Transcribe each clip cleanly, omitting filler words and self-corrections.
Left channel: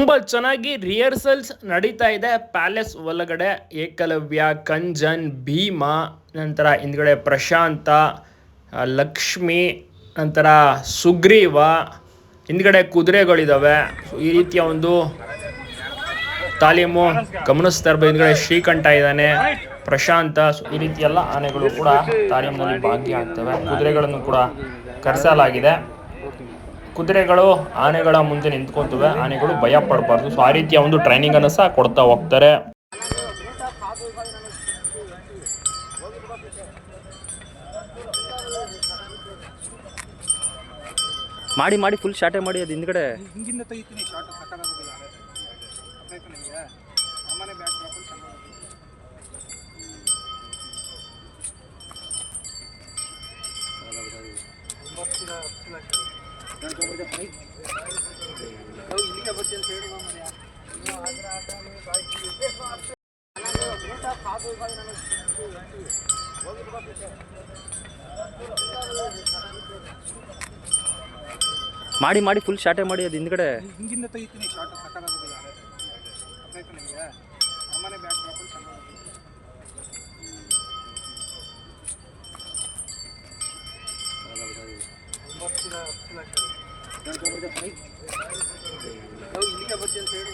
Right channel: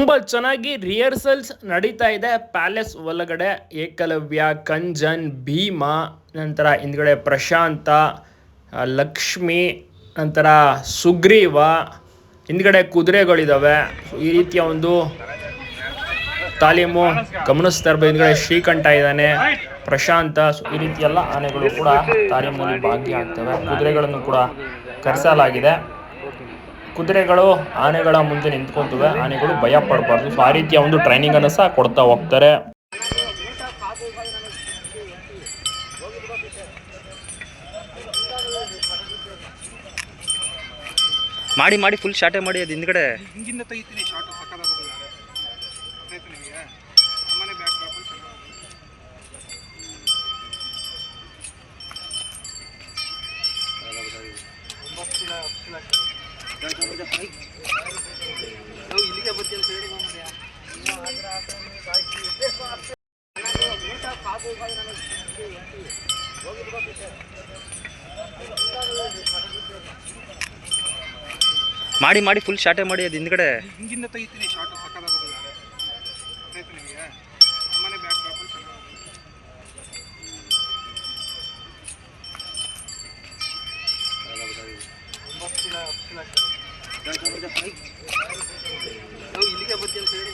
ತುಂಬ ಚೆನ್ನಾಗಿ ರಿಹರ್ಸಲ್ಸ್ ನಡೀತಾ ಇದೆ ಪ್ಯಾಲೇಸ್ ಒಳಗಡೆ. ಏಕಲವ್ಯ, ಕಂಜನ್, ಭೀಮ, ನಂತರ ಹಿಂದ್ಗಡೆ ಪ್ರಶಾಂತ, ಲಕ್ಷ್ಮಿ, ನಂತರ ಸುಗ್ರೀವ, ಹಿಂದ್ಗಡೆ ಕುದುರೆಗಳಿದ್ದಾವೆ. ಈ ರೀತಿಯ ಒಂದು ತಾಲೀಮು ಗಮನಿಸ್ತಾ ಇರ್ಬೋದು. ಹಿಂದ್ಗಡೆ ಶ್ರೀಕಂಠ ಇದ್ದಾನೆ, ಪ್ರಶಾಂತ. ಈ ರೀತಿ ಎಲ್ಲ ಆನೆಗಳು ಕೂಡ ತಾಲೀಮಿನಲ್ಲಿ ಭಾಗಿಯಾಗ್ತವೆ. ಕುದುರೆಗಳನ್ನು ಕೂಡ ಕರೆಸಲಾಗಿದೆ. ಕುದುರೆಗಳು ಆನೆಗಳ ಮುಂದೆ ನಿಂತ್ಕೊಂತವೆ. ಆನೆಗಳು ಭಯ ಪಡಬಾರ್ದು. ಸೊ ಆ ರೀತಿಯ ಒಂದು ಟ್ರೈನಿಂಗ್ ಅನ್ನು ಸಹ ಕೊಡ್ತಾ ಹೋಗ್ತಾರೆ. ಮಾಡಿ ಫುಲ್ ಶಾರ್ಟೇ ಮಾಡಿ ಅದು ಹಿಂದ್ಗಡೆ ಹಿಂಗಿಂದ ತೆಗಿತೀನಿ ಶಾರ್ಟ್ ಸಕ್ಕದಾಗೋದಿಲ್ಲ. ನನಗೆ ಅಮ್ಮನೆ ಬ್ಯಾಕ್ ಡ್ರಾಪ್ ಇಲ್ಲಿಗೆ ಬರ್ತೀನಿ ಅಂತ ಹೇಳಿ ಮಾಡಿ ಫುಲ್ ಶಾರ್ಟೇ ಮಾಡಿ ಅದು ಹಿಂದ್ಗಡೆ ಹಿಂಗಿಂದ ತೆಗಿತೀನಿ ಶಾರ್ಟ್ ಸಕ್ಕದಾಗೋದಿಲ್ಲ. ನನಗೆ ಅಮ್ಮನೆ ಬ್ಯಾಕ್ ಡ್ರಾಪ್ ಇಲ್ಲಿಗೆ ಬರ್ತೀನಿ ಅಂತ ಹೇಳಿ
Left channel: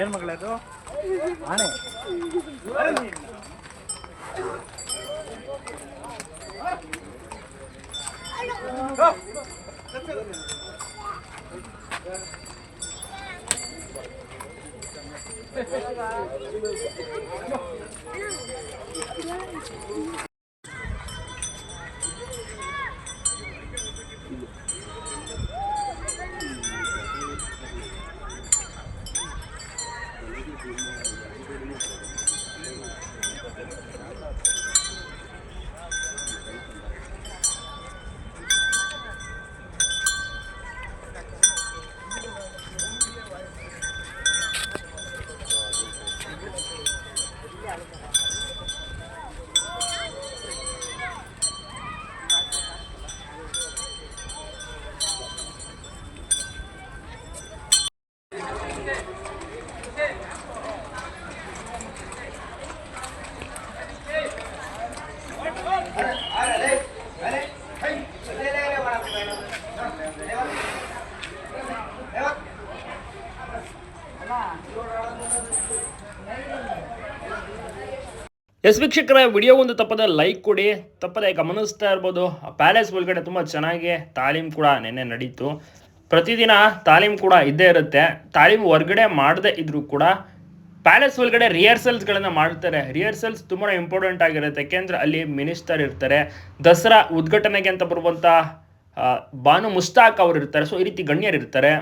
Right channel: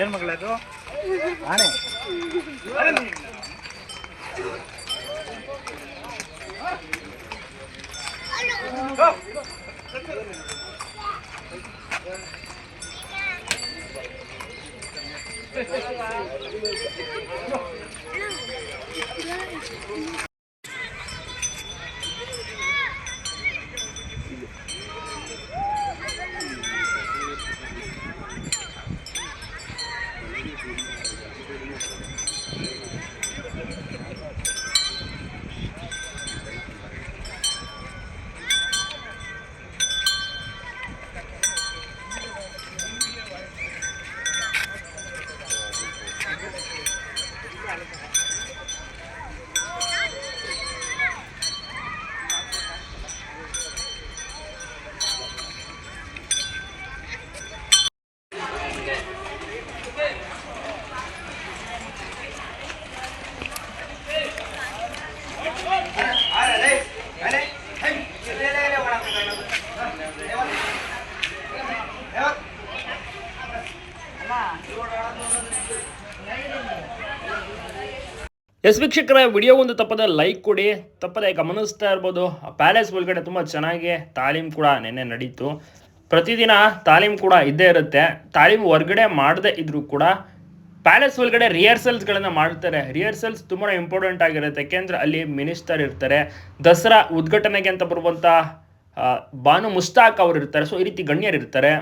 ಏನ್ ಮಗಳದು ಆನೆ ಎಸ್ ವೀಕ್ಷಕರ, ವಿಡಿಯೋ ಒಂದು ತಪ್ಪದ ಲೈಕ್ ಕೊಡಿ. ತಪ್ಪದೆ ಗಮನಿಸ್ತಾ ಇರ್ಬೋದು, ಪ್ಯಾಲೇಸ್ ಒಳಗಡೆ ತುಂಬ ಚೆನ್ನಾಗಿ ತಾಲೀಮ್ ಕೂಡ ನೆನ್ನೆ ನಡೀತು. ಪ್ರತಿದಿನ ತಾಲೀಮ್ ಕೂಡ ಇದ್ದೇ ಇರುತ್ತೆ. ತಾಲೀಮ್ ಹೊರಗಡೆ ಮಾಡದೇ ಇದ್ರೂ ಕೂಡ ಪ್ಯಾಲೇಸ್ ಒಳಗಡೆ ರಿಹರ್ಸಲ್ಸ್ಗಳನ್ನು ಮಾಡ್ತಾರೆ. ರಿಹರ್ಸಲ್ಸ್ ತುಂಬಾ ಇಂಪಾರ್ಟೆಂಟ್ ಆಗಿರುತ್ತೆ. ಯಾಕೆಂದರೆ ಅಲ್ಲಿ ಮಿನಿಸ್ಟರ್ ಇರ್ತಾರೆ. ದಸರಾ ಉದ್ಘಾಟನೆಗೆ ಅಂತ ಬರುವಂಥ ಬಾನು ಮುಸ್ತಾಕ್ ಅವರು ಇರ್ತಾರೆ. ಸೊ ಈ ರೀತಿ ಗಣ್ಯರು ಇರ್ತಾರೆ.